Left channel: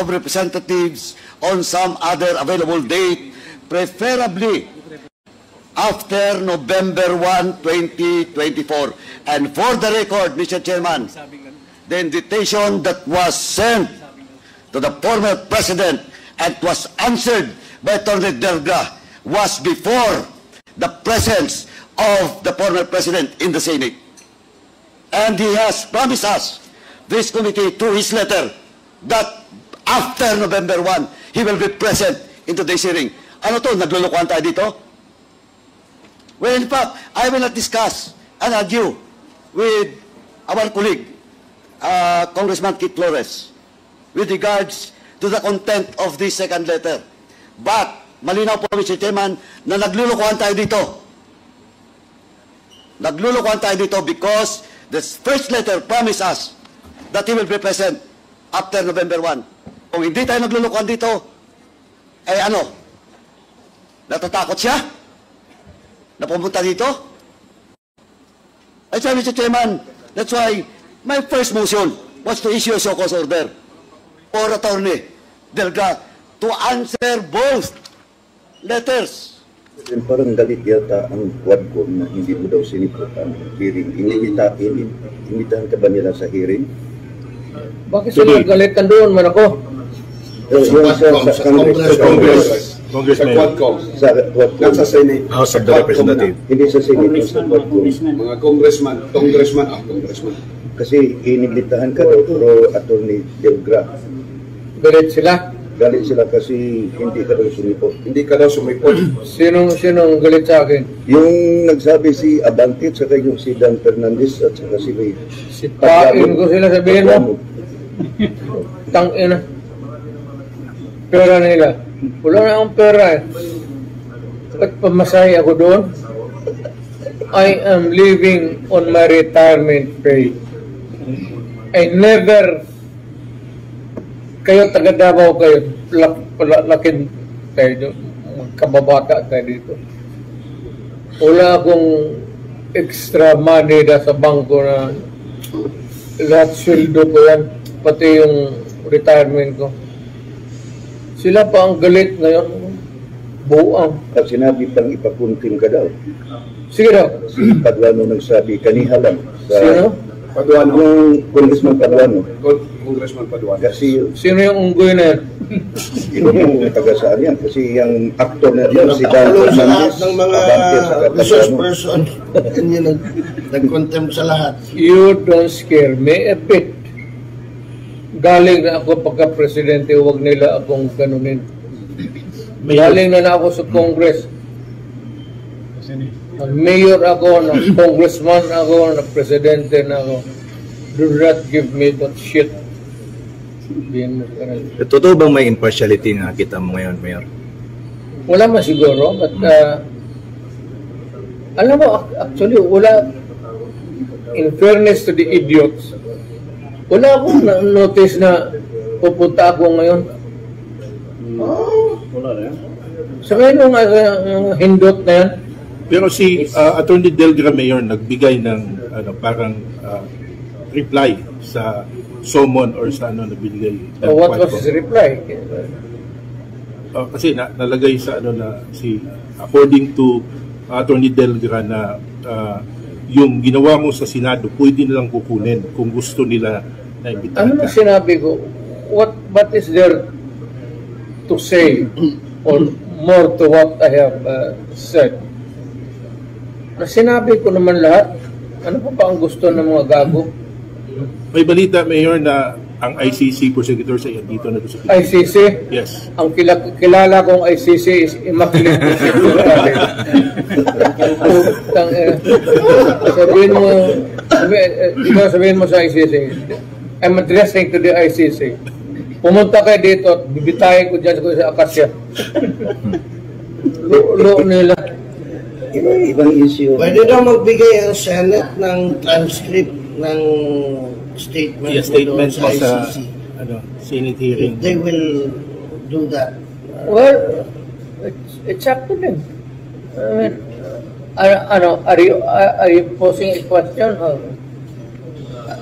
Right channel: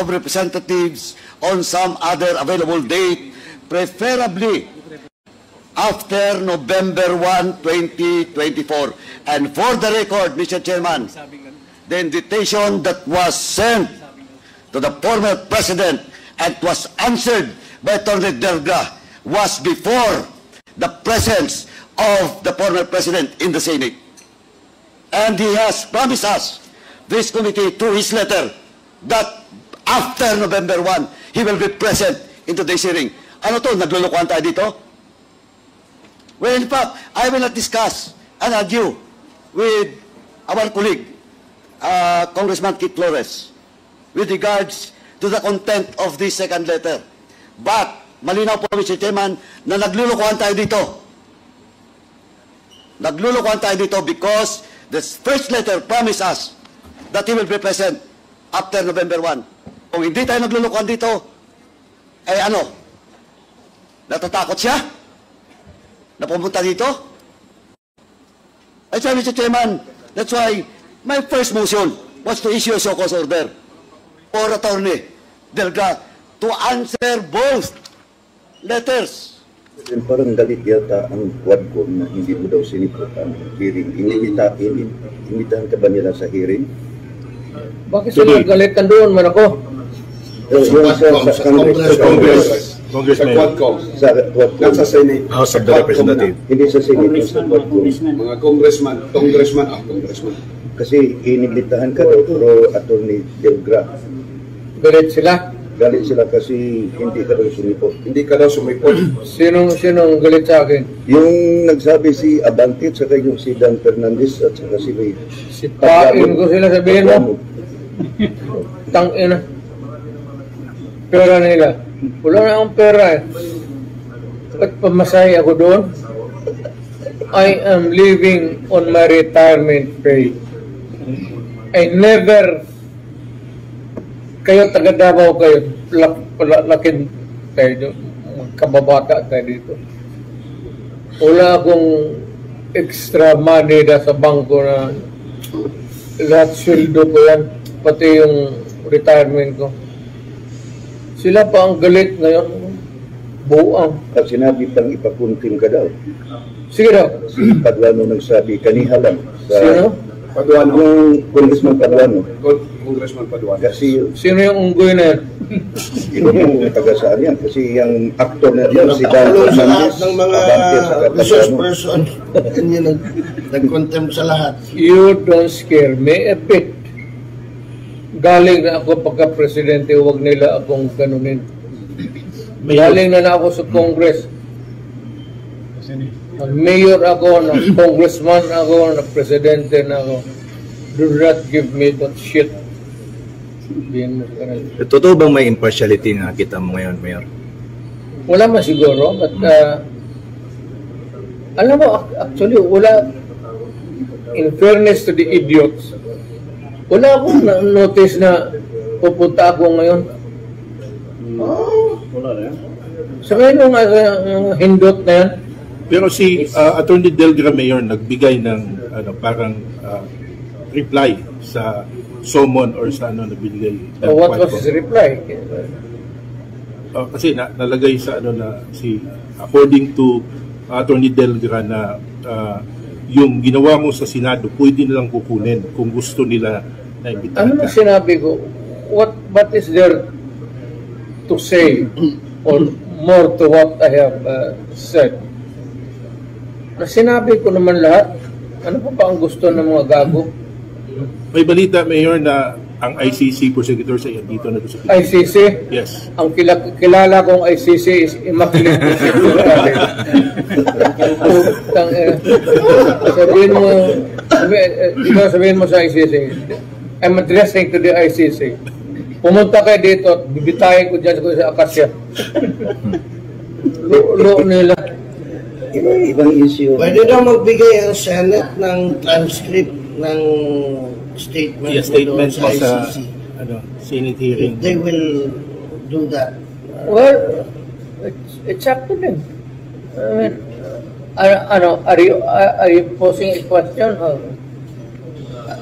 of Representatives on some other available date, preferably after November 1, 2024. And for the record, Mr. Chairman, the invitation that was sent to the former President and was answered by Attorney Delga was before the presence of the former President in the Senate. And he has promised us, this committee, through his letter, that after November 1, he will be present in today's hearing. Ano to? Naglulukuhan tayo dito? Well, in fact, I will not discuss and argue with our colleague, Congressman Kit Flores, with regards to the content of this second letter. But, malinaw po, Mr. Chairman, na naglulukuhan tayo dito. Naglulukuhan tayo dito because the first letter promised us that he will be present after November 1. Kung hindi tayo naglulukuhan dito, eh ano? Natatakot siya? Na pumunta dito? That's why, Mr. Chairman, that's why my first motion was to issue a show cause order for Attorney Delga to answer both letters. Parang galit yata ang Quadcom na hindi mo daw siniputan. Inimitahan ka ba nila sa hearing? Bakit sila galitan doon man ako? Sa Congressman. Sa Quadcom. Sa Senate. House of the Representative. Hindi sa Senate. Sa Quadcom. Mga congressman. Congressman. Kasi inibitahan ka daw pero Attorney Delga. Galit sila? Galit sila kasi hindi ka daw sumipot. Hindi ka daw sumipot. Sinong galit sa akin? Yung nagsabi si Abante at saka yung si Dan Fernandez at saka si Ray. Sipain ko sila, sabihin mo. Tangina. Pera nila. Wala na akong pera eh. At pamasahe ako doon. I am living on my retirement pay. I never, kayo taga Davao kayo, lakin kayo doon. Kababata kayo dito. Wala akong extra money na sa bangko na lahat sweldo ko yan, pati yung retirement ko. Sila pa ang galit ngayon. Buang. At sinabi pang ipapunting ka daw. Sige daw. Si Paduano nagsabi kaniha lang. Sino? Paduano, yung Congressman Paduano. Congressman Paduano. Kasi Sino yung unggoy na yan? yung taga saan yan. Kasi yung actor na yun, si Dan Fernandez, ng mga Abante at saka resource Paduano. person. Yun yung nag-contempt sa lahat. You don't scare me a bit. Galing na ako pagka-presidente, huwag nila akong ganunin. Galing na ako sa Congress. Nag-mayor ako, nag-congressman ako, nag-presidente na ako. Do not give me that shit. Totoo bang may impartiality na nakita mo ngayon, Mayor? Wala man siguro, but alam mo, actually, wala, in fairness to the idiots, wala akong notice na pupunta ako ngayon. Wala na yan. Sa ngayon yung hindot na yan, Pero si Attorney Delga Mayor nagbigay ng parang reply sa summon or sa na binigay. what was his reply? Kasi nalagay sa na si according to Attorney Delga na yung ginawa mo sa Senado pwede nilang kukunin kung gusto nila na imbitahan. Ano na sinabi ko? What is there to say or more to what I have said? Na sinabi ko naman lahat. Ano pa ba ang gusto ng mga gago? May balita, Mayor, na ang ICC prosecutor sa iyo dito na sa ICC? Yes. Ang kilala kong ICC is Immaculate Conception. Sabihin mo sa ICC, I'm addressing to the ICC. Pumunta kayo dito at bibitahin ko dyan sa Akasya. Lo nila. Ibang issue. Pwede daw magbigay ang Senate ng transcript ng statement. Yes, statement mo sa Senate hearing. They will do that. Well, it's up to them. I mean, are you posing a question?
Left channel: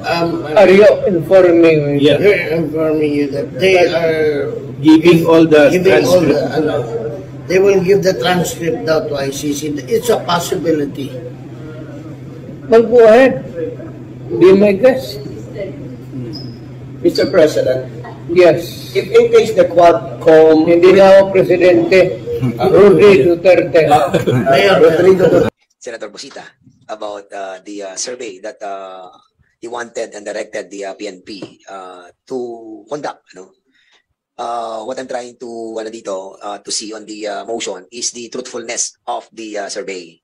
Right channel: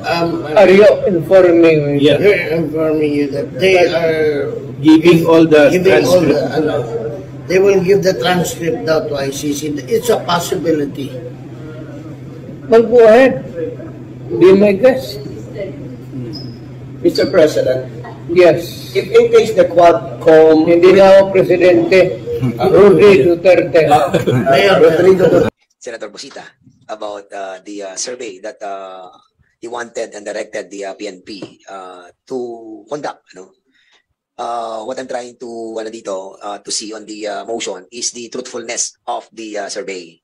Are you informing me? Yes. We're informing you that they are giving all the they will give the transcript out to ICC. It's a possibility. Well, go ahead. Do my guest. Mr. President. Yes. If in case that hindi na ang presidente, Senator Busita about the survey that he wanted and directed the PNP to conduct. What I'm trying to to see on the motion is the truthfulness of the survey.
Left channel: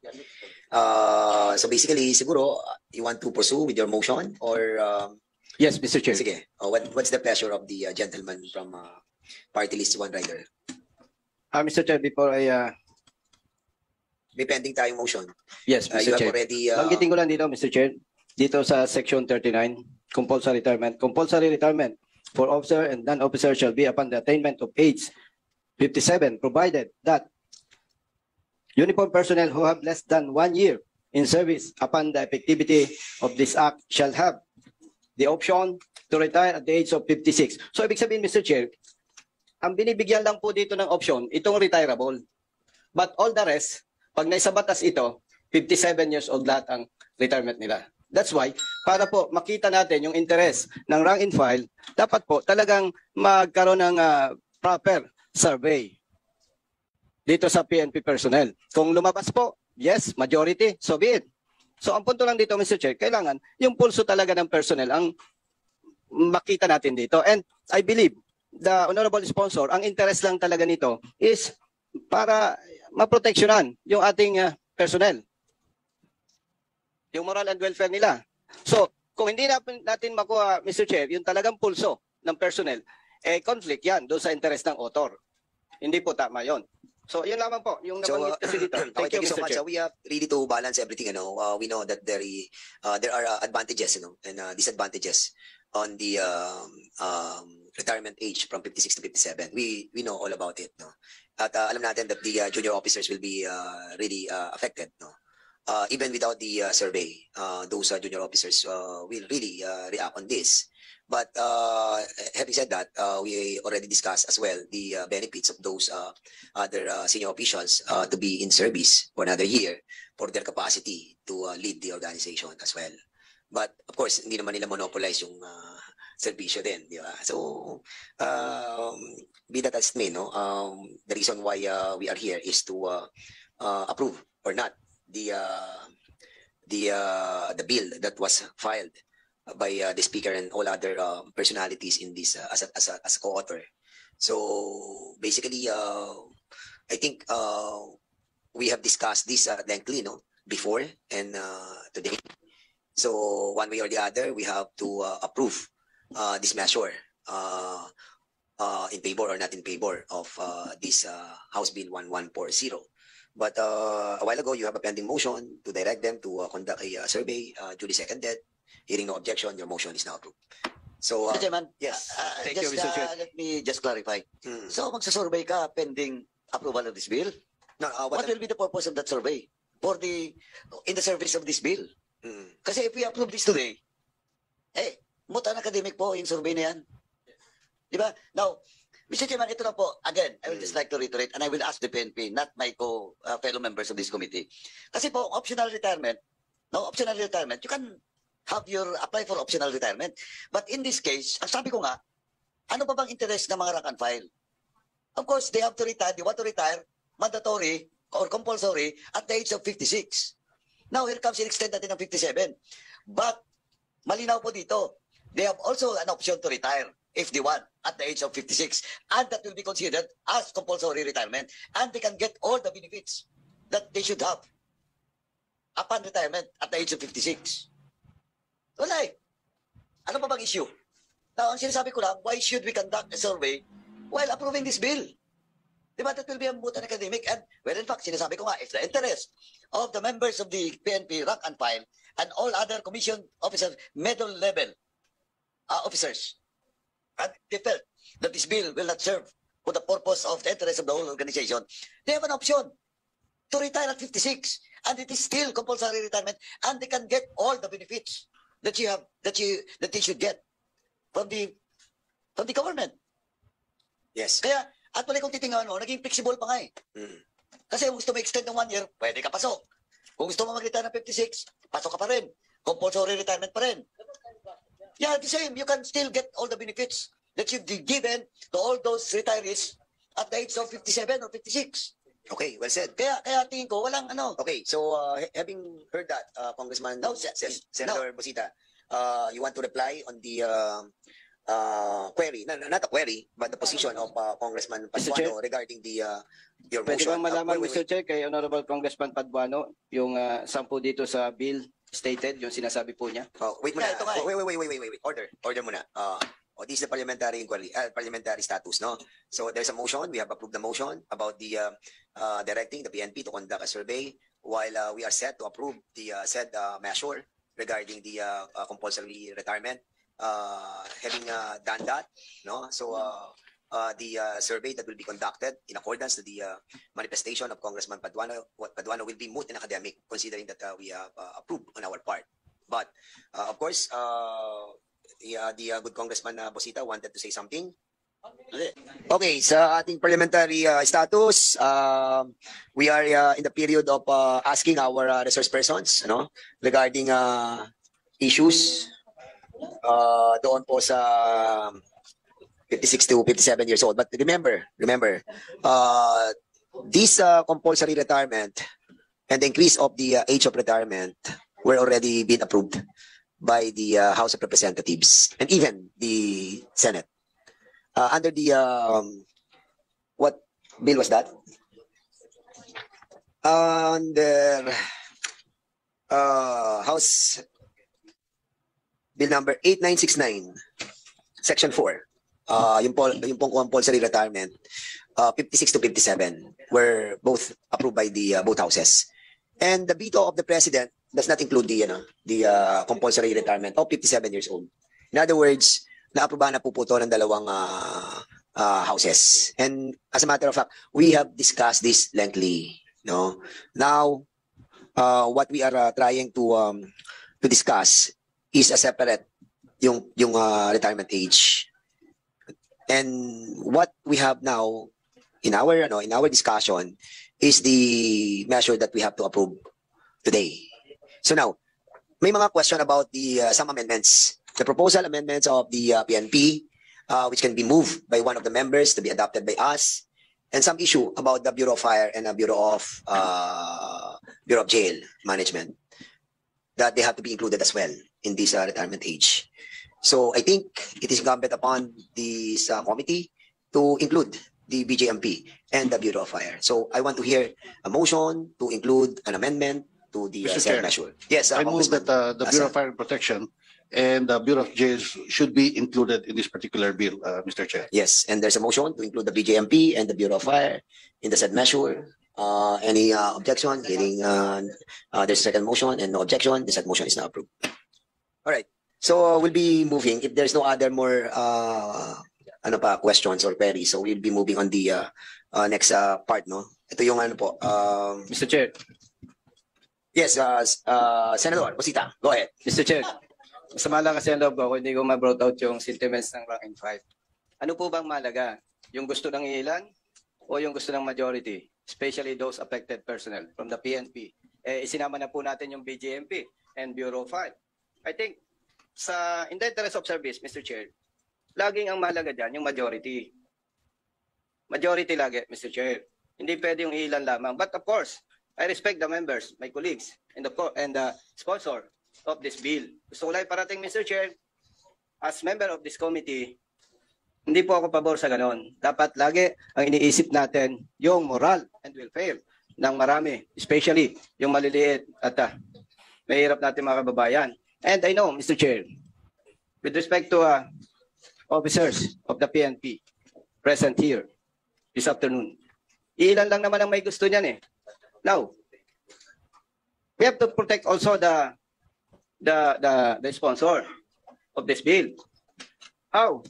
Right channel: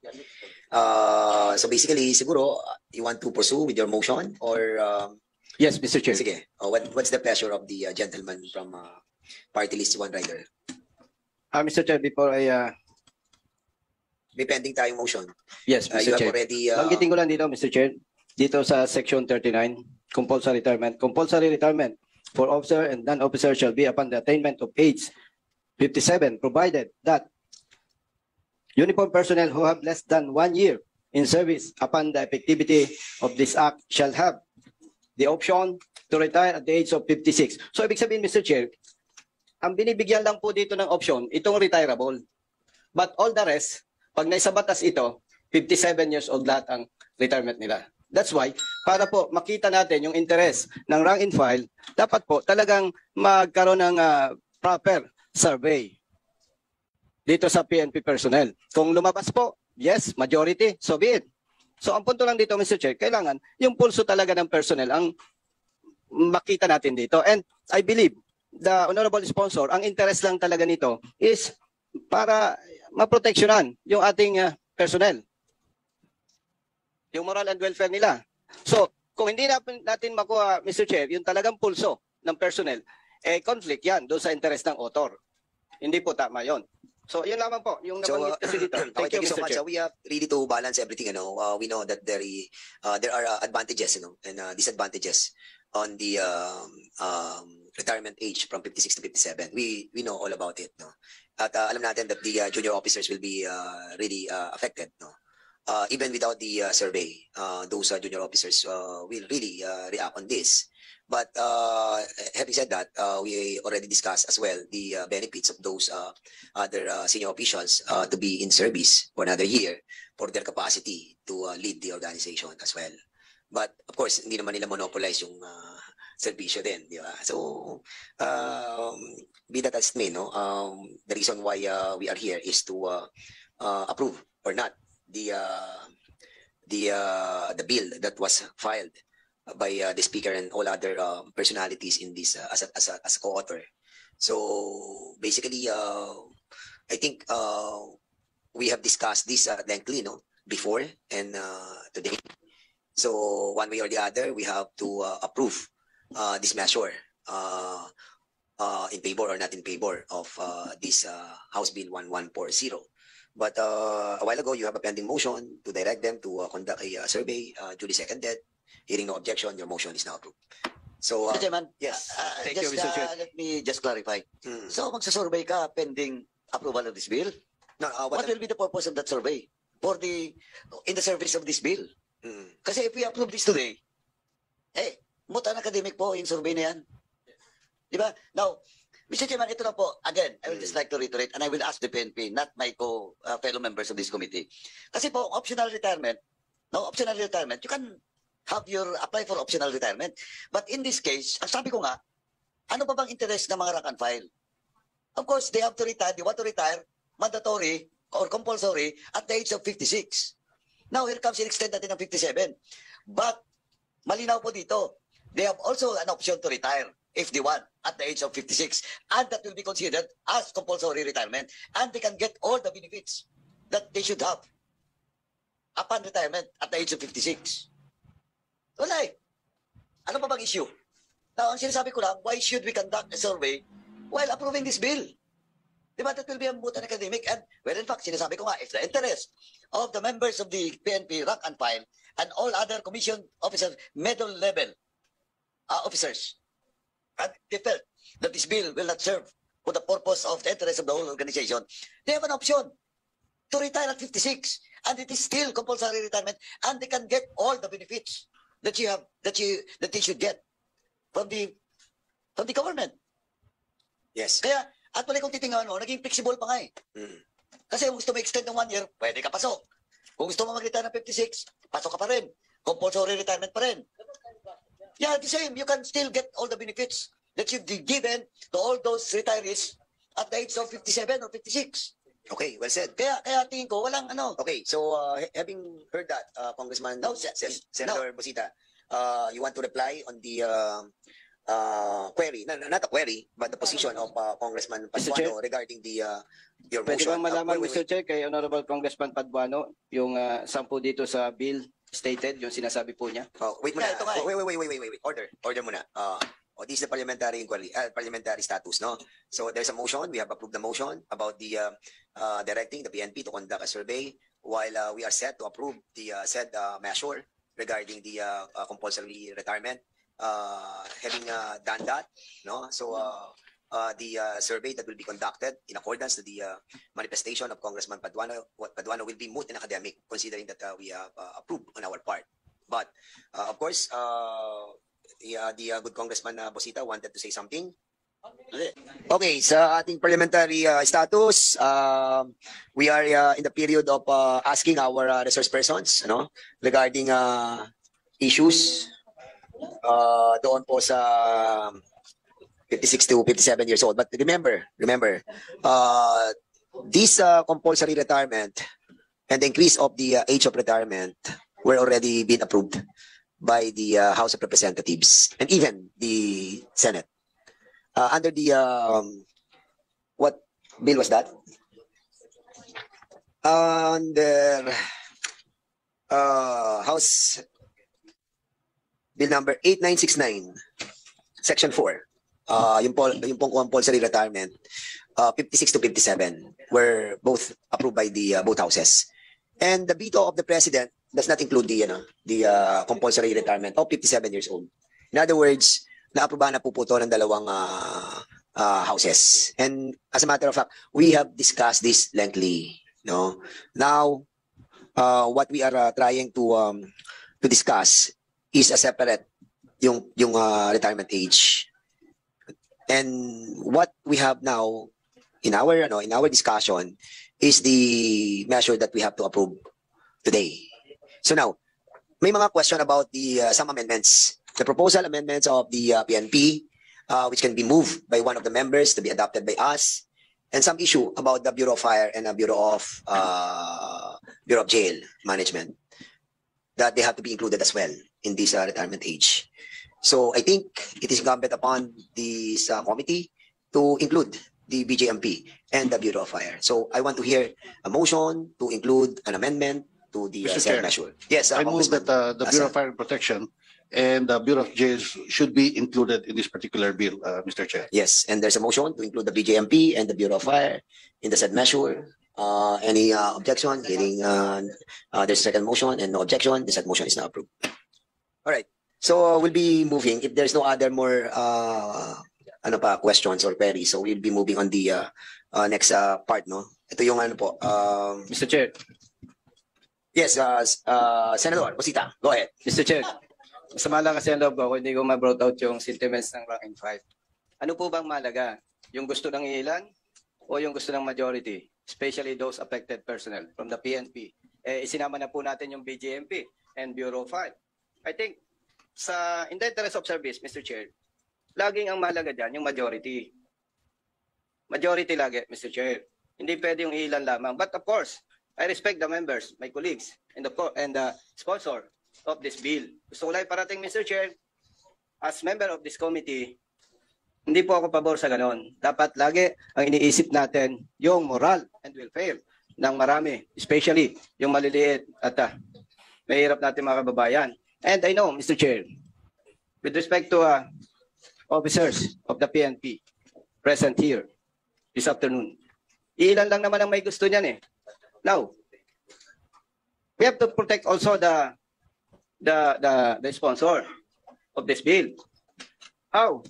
So basically, siguro, you want to pursue with your motion or? Yes, Mr. Chair. Sige. What's the pleasure of the gentleman from Party List One Rider? Mr. Chair, before I... Depending tayong motion. Yes, You Mr. have Chair. already... Banggitin ko lang dito, Mr. Chair. Dito sa Section 39, compulsory retirement. Compulsory retirement for officer and non-officer shall be upon the attainment of age 57, provided that uniformed personnel who have less than 1 year in service upon the effectivity of this act shall have the option to retire at the age of 56. So, ibig sabihin, Mr. Chair, ang binibigyan lang po dito ng option, itong retirable. But all the rest, pag naisa batas ito, 57 years old lahat ang retirement nila. That's why, para po makita natin yung interest ng rank and file, dapat po talagang magkaroon ng proper survey dito sa PNP personnel. Kung lumabas po, yes, majority, so be it. So ang punto lang dito, Mr. Chair, kailangan yung pulso talaga ng personnel ang makita natin dito. And I believe the honorable sponsor, ang interest lang talaga nito is para maproteksyonan yung ating personnel. Yung moral and welfare nila. So, kung hindi natin makuha, Mr. Chair, yung talagang pulso ng personnel, conflict yan doon sa interest ng author. Hindi po tama yon. So, yun lamang po, yung nabanggit kasi dito. Thank you so Mr. much. Chair. We have really to balance everything. We know that there are advantages, and disadvantages on the retirement age from 56 to 57. We know all about it. No? At alam natin that the junior officers will be really affected. No? Even without the survey, those junior officers will really react on this. But having said that, we already discussed as well the benefits of those other senior officials to be in service for another year for their capacity to lead the organization as well. But of course, hindi naman nila monopolize yung servisyo din, di ba? So, be that as it may, no? The reason why we are here is to approve or not the bill that was filed by the speaker and all other personalities in this as a co-author. So basically, I think we have discussed this lengthily, no, before and today. So one way or the other, we have to approve this measure in favor or not in favor of this House Bill 1140. But a while ago, you have a pending motion to direct them to conduct a survey, duly seconded. Hearing no objection, your motion is now approved. So, Mr. Chairman, yes. thank you, Mr. Chair. Let me just clarify. So, magsasurvey ka pending approval of this bill? No, What will be the purpose of that survey? In the service of this bill? Kasi if we approve this today, mutan academic po yung survey na yan. Di ba? Now, Mr. Chairman, ito na po. Again, I would just like to reiterate, and I will ask the PNP, not my fellow members of this committee. Kasi po, optional retirement, you can apply for optional retirement. But in this case, ang sabi ko nga, ano pa bang interest ng mga rank and file? Of course, they have to retire. They want to retire, mandatory or compulsory, at the age of 56. Now, here comes in-extend natin ng 57. But, malinaw po dito, they have also an option to retire if they want at the age of 56. And that will be considered as compulsory retirement. And they can get all the benefits that they should have upon retirement at the age of 56. Wala eh. Ano pa bang issue? Now, ang sinasabi ko lang, why should we conduct a survey while approving this bill? Diba, that will be a moot and academic. And, well, in fact, sinasabi ko nga, it's the interest of the members of the PNP rank and file and all other commission officers, middle level officers. And they felt that this bill will not serve for the purpose of the interest of the whole organization. They have an option to retire at 56. And it is still compulsory retirement. And they can get all the benefits that they should get from the government. Yes. Kaya, actually kung titingnan mo, naging flexible pa nga eh. Kasi kung gusto mo extend ng 1 year, pwede ka pasok. Kung gusto mo mag-retire ng 56, pasok ka pa rin. Compulsory retirement pa rin. Yeah, the same. You can still get all the benefits that you've given to all those retirees at the age of 57 or 56. Okay, well said. Kaya tingin ko, walang ano. Okay, so having heard that, Congressman Senator Bosita, you want to reply on the query, not a query, but the position of Congressman Paduano regarding your Pwede motion. bang malaman, Wait. Mr. Chair, kay Honorable Congressman Paduano, yung 10 dito sa bill stated, yung sinasabi po niya? Wait muna. Yeah, ito nga eh. Wait. Order muna. This is the parliamentary inquiry, parliamentary status, no? So there's a motion. We have approved the motion about the directing the PNP to conduct a survey while we are set to approve the said measure regarding the compulsory retirement. Having done that, no? So the survey that will be conducted in accordance to the manifestation of Congressman Paduano will be moot and academic, considering that we have approved on our part. But of course, the good Congressman Bosita wanted to say something. Okay, sa ating parliamentary status, we are in the period of asking our resource persons, no, regarding issues doon po sa 56 to 57 years old. But remember, this compulsory retirement and the increase of the age of retirement were already been approved by the House of Representatives and even the Senate. Under the, what bill was that? Under House Bill number 8969, Section 4. Yung pong compulsory retirement, 56 to 57 were both approved by the both houses. And the veto of the president does not include the compulsory retirement of 57 years old. In other words, naaprubahan na po to ng dalawang houses. And as a matter of fact, we have discussed this lengthily. No? Now, what we are trying to discuss is a separate yung retirement age. And what we have now in our discussion is the measure that we have to approve today. So now, may mga question about the some amendments. The proposal amendments of the PNP, which can be moved by one of the members to be adopted by us, and some issue about the Bureau of Fire and the Bureau of Jail Management, that they have to be included as well in this retirement age. So I think it is incumbent upon this committee to include the BJMP and the Bureau of Fire. So I want to hear a motion to include an amendment to the measure. Yes, I means that the Bureau of Fire and Protection and the Bureau of Jails should be included in this particular bill, Mr. Chair. Yes, and there's a motion to include the BJMP and the Bureau of Fire in the said measure. Any objection? Hearing there's a second motion and no objection, the said motion is now approved. All right. So we'll be moving. If there's no other more questions or queries, so we'll be moving on the next part, no? Ito yung po. Mr. Chair. Yes, Senator Bosita, go ahead. Mr. Chair. Masama lang kasi ang loob ko, hindi ko ma-brought out yung sentiments ng rank and file. Ano po bang malaga? Yung gusto ng ilan o yung gusto ng majority? Especially those affected personnel from the PNP. Isinama na po natin yung BJMP and Bureau of Fire. I think, in the interest of service, Mr. Chair, laging ang mahalaga dyan yung majority. Majority lagi, Mr. Chair. Hindi pwede yung ilan lamang. But of course, I respect the members, my colleagues, and the sponsor of this bill. Gusto ko lang parating, Mr. Chair, as member of this committee, hindi po ako pabor sa ganon. Dapat lagi ang iniisip natin yung moral and welfare ng marami, especially yung maliliit. Ito, mahirap natin mga kababayan. And I know, Mr. Chair, with respect to officers of the PNP present here this afternoon, ilan lang naman ang may gusto niyan eh. Now, we have to protect also the sponsor of this bill. How?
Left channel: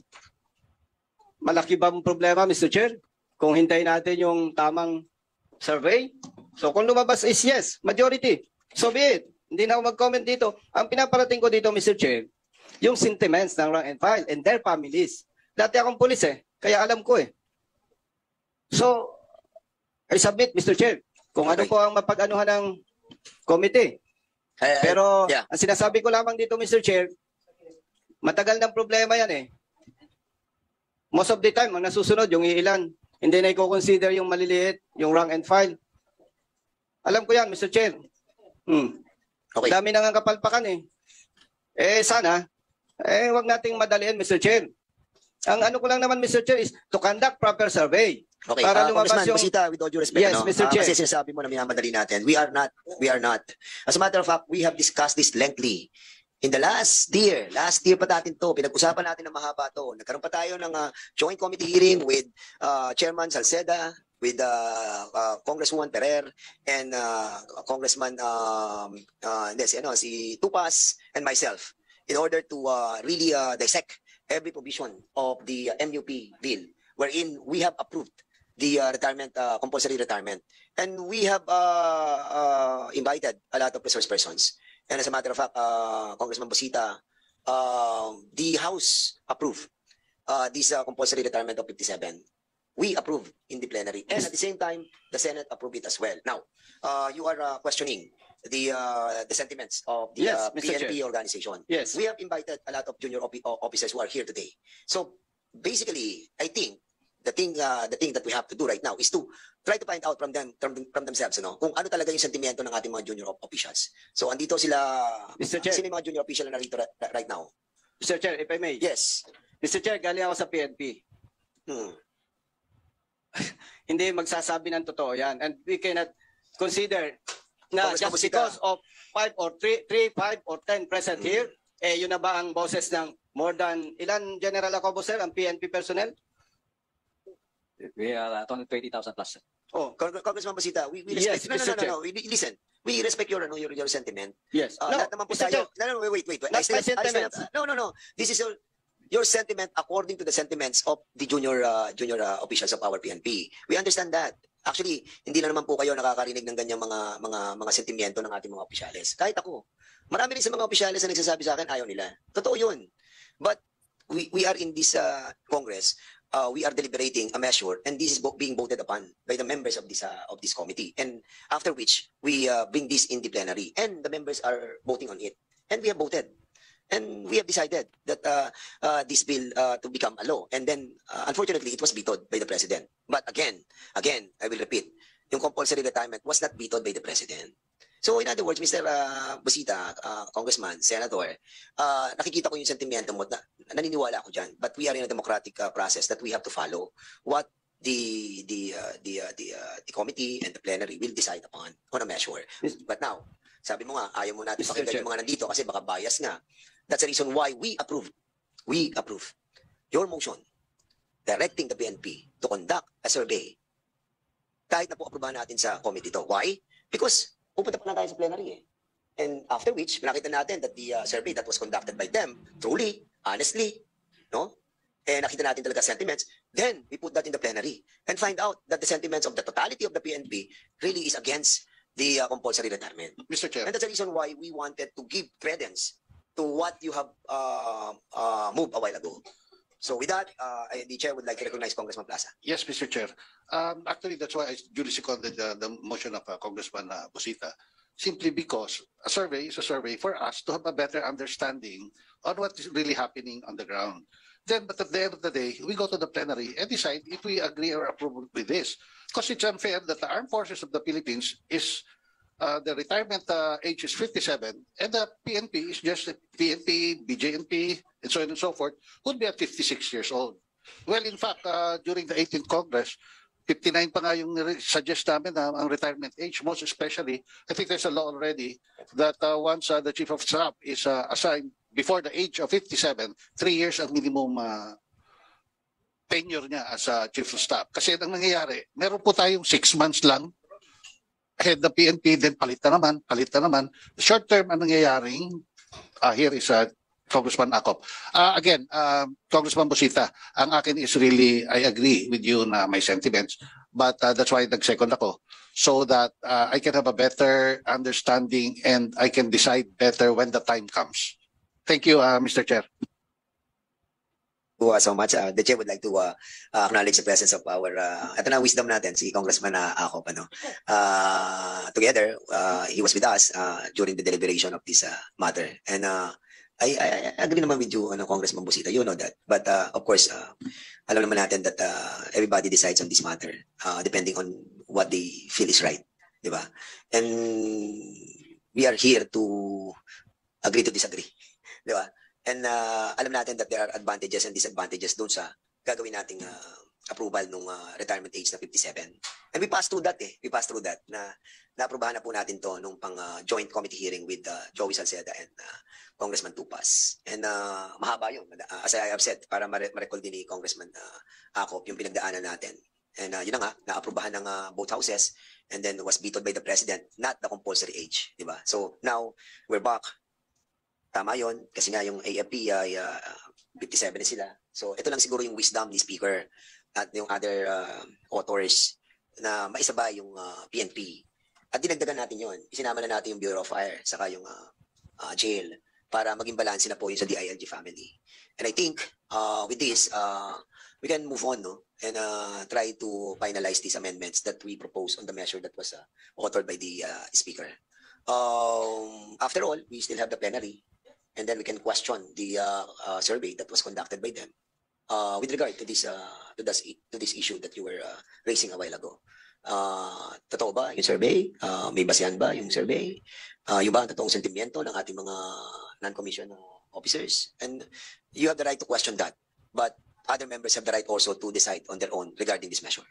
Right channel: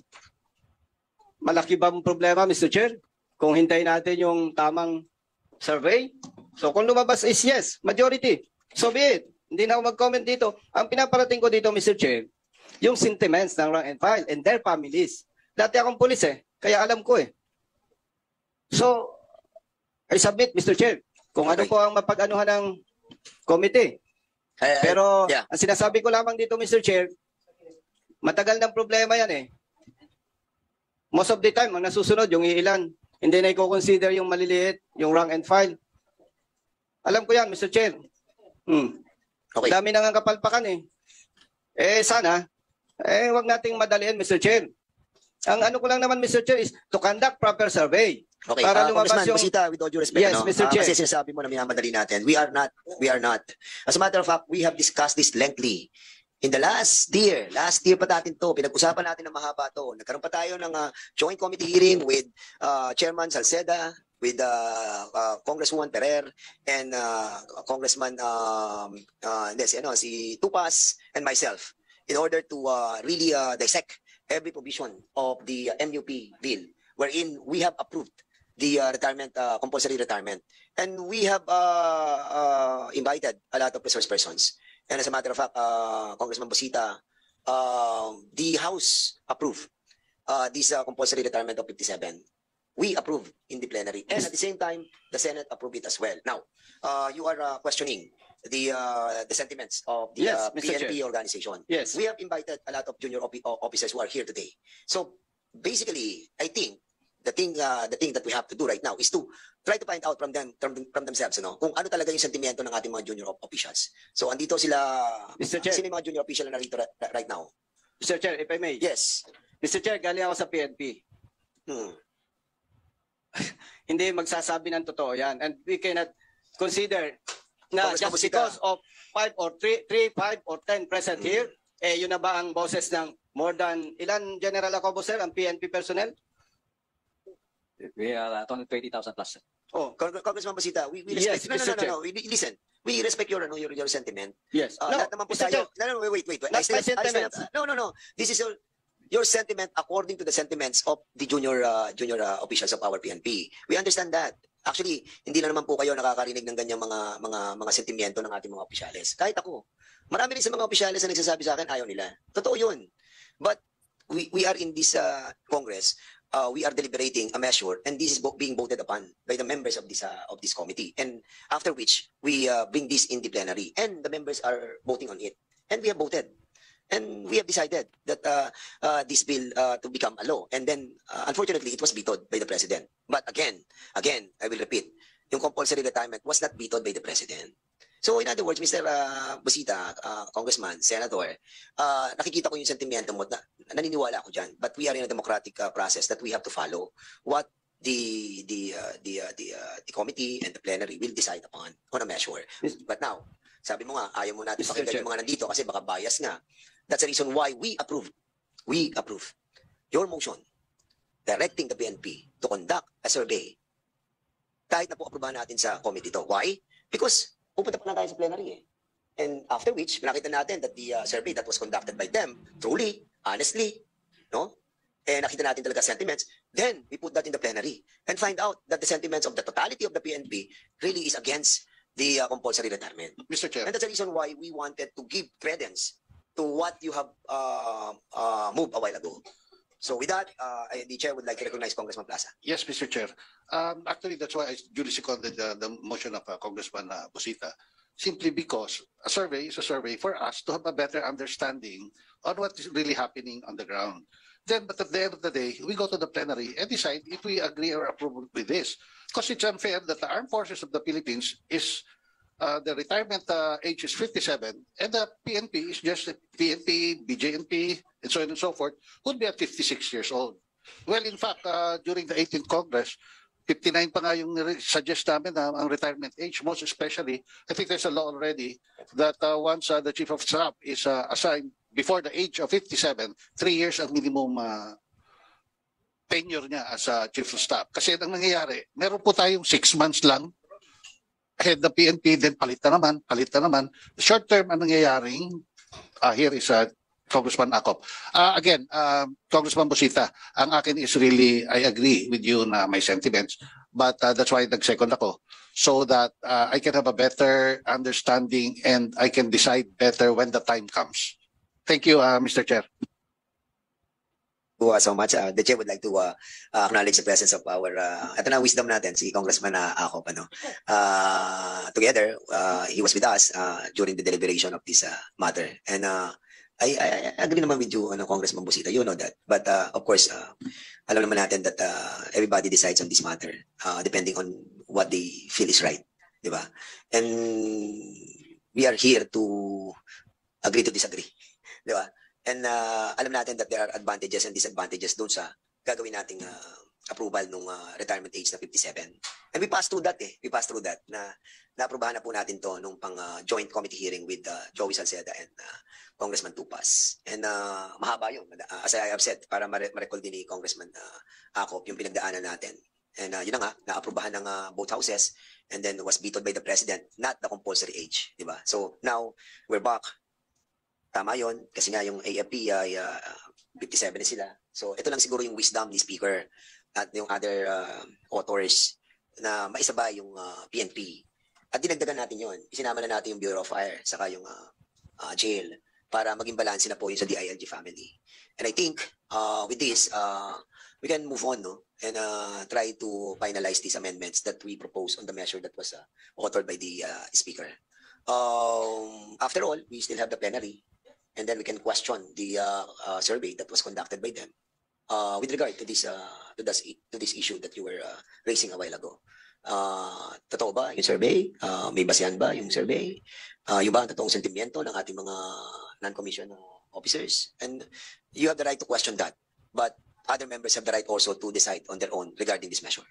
Malaki ba ang problema, Mr. Chair? Kung hintayin natin yung tamang survey? So kung lumabas is yes, majority, so be it. Hindi na ako mag-comment dito. Ang pinaparating ko dito, Mr. Chair, yung sentiments ng rank and file and their families. Dati akong pulis kaya alam ko So, I submit, Mr. Chair, kung ano po ang mapag-anuhan ng committee. Pero, ang sinasabi ko lamang dito, Mr. Chair, matagal ng problema yan Most of the time, ang nasusunod, yung iilan. Hindi na i-consider yung maliliit, yung rank and file. Alam ko yan, Mr. Chair. Dami nang ang kapalpakan sana, wag nating madalian, Mr. Chair. Ang ano ko lang naman, Mr. Chair, is to conduct proper survey. Okay, para lumabas Congressman yung... Busita, with all due respect, Yes, Mr. Chair. kasi sinasabi mo na minamadali natin. We are not. As a matter of fact, we have discussed this lengthily. In the last year pa natin to, pinag-usapan natin ng mahaba to. Nagkaroon pa tayo ng joint committee hearing with Chairman Salceda, with Congresswoman Perer, and Congressman si Tupas, and myself, in order to really dissect every provision of the NUP bill, wherein we have approved the compulsory retirement. And we have invited a lot of resource persons. And as a matter of fact, Congressman Busita, the House approved this compulsory retirement of 57. We approved in the plenary. And at the same time, the Senate approved it as well. Now, you are questioning the sentiments of the PNP organization. Yes. We have invited a lot of junior officers who are here today. So, basically, I think the thing that we have to do right now is to try to find out from themselves, kung ano talaga yung sentimento ng ating mga junior officials. So, andito sila, Mr. Chair. sino yung mga junior official na narito right now? Mr. Chair, if I may. Yes. Mr. Chair, galing ako sa PNP. Hindi magsasabi ng totoo yan. And we cannot consider na Congressman just Busita. because of 5 or 3, 5 or 10 present here, yun na ba ang boses ng more than, ilan general ako, sir, ang PNP personnel? We are 20,000 plus. Congressman Busita, we respect, listen, we respect your sentiment. Yes. Lahat naman po Mr. tayo. Chair. No, wait. Not my sentiments. No. This is your sentiment according to the sentiments of the junior officials of our PNP. We understand that. Actually, hindi na naman po kayo nakakarinig ng ganyang mga sentimiento ng ating mga opisyales. Kahit ako. Marami rin sa mga opisyales na nagsasabi sa akin, ayaw nila. Totoo yun. But we are in this Congress. We are deliberating a measure, and this is being voted upon by the members of this committee. And after which, we bring this in the plenary, and the members are voting on it. And we have voted. And we have decided that this bill to become a law. And then, unfortunately, it was vetoed by the President. But again, I will repeat, yung compulsory retirement was not vetoed by the President. So in other words, Mr. Busita, Congressman, Senator, nakikita ko yung sentimento mo, naniniwala ko dyan. But we are in a democratic process that we have to follow what the committee and the plenary will decide upon on a measure. But now, sabi mo nga, ayaw mo natin pakinggan yung mga nandito kasi baka bias nga. That's the reason why we approve your motion directing the PNP to conduct a survey kahit na po aprobahan natin sa committee to. Why? Because pupunta pa na tayo sa plenary And after which, nakita natin that the survey that was conducted by them, truly, honestly, nakita natin talaga sentiments. Then, we put that in the plenary and find out that the sentiments of the totality of the PNP really is against the compulsory retirement. Mr. Chair. And that's the reason why we wanted to give credence to what you have moved a while ago. So with that, the chair would like to recognize Congressman Plaza. Yes, Mr. Chair. Actually, that's why I duly seconded the motion of Congressman Busita, simply because a survey is a survey for us to have a better understanding on what is really happening on the ground. Then, but at the end of the day, we go to the plenary and decide if we agree or approve with this. Because it's unfair that the armed forces of the Philippines is the retirement age is 57, and the PNP is just PNP, BJNP, and so on and so forth, would be at 56 years old. Well, in fact, during the 18th Congress, 59 pa nga yung suggest namin ang retirement age, most especially, I think there's a law already that once the Chief of Staff is assigned before the age of 57, 3 years ang minimum tenure niya as Chief of Staff. Kasi ang nangyayari, meron po tayong 6 months lang, head the PNP, then palit na naman. Short term ang nangyayaring, here is Congressman Acop. Again, Congressman Busita, ang akin is really, I agree with you na my sentiments, but that's why nag-second ako. so that I can have a better understanding and I can decide better when the time comes. Thank you, Mr. Chair. So much. The chair would like to acknowledge the presence of our ito na wisdom natin, si Congressman Acop. Together, he was with us during the deliberation of this matter. And I agree naman with you, Congressman Busita. You know that. But of course, alam naman natin that everybody decides on this matter depending on what they feel is right. Diba? And we are here to agree to disagree. Diba? And alam natin that there are advantages and disadvantages doon sa gagawin nating approval nung retirement age na 57. And we passed through that We passed through that. Na-aprobahan na po natin to nung pang joint committee hearing with Joey Salceda and Congressman Tupas. And mahaba yun. As I have said, para ma-recall din ni Congressman Acop yung pinagdaanan natin. And yun na nga, na-aprobahan ng both houses and then was vetoed by the President, not the compulsory age. Diba? So now, we're back. Tama yun, kasi nga yung AFP ay 57 na sila. So ito lang siguro yung wisdom ni Speaker at yung other authors na maisaba yung PNP. At dinagdagan natin yun. Isinama na natin yung Bureau of Fire saka yung jail para maging balanse na po yun sa DILG family. And I think with this, we can move on and try to finalize these amendments that we propose on the measure that was authored by the Speaker. After all, we still have the plenary. And then we can question the survey that was conducted by them with regard to this issue that you were raising a while ago. Totoo ba yung survey? May basehan ba yung survey? Yung ba ang totoong sentimiento ng ating mga non-commissioned officers? And you have the right to question that. But other members have the right also to decide on their own regarding this measure.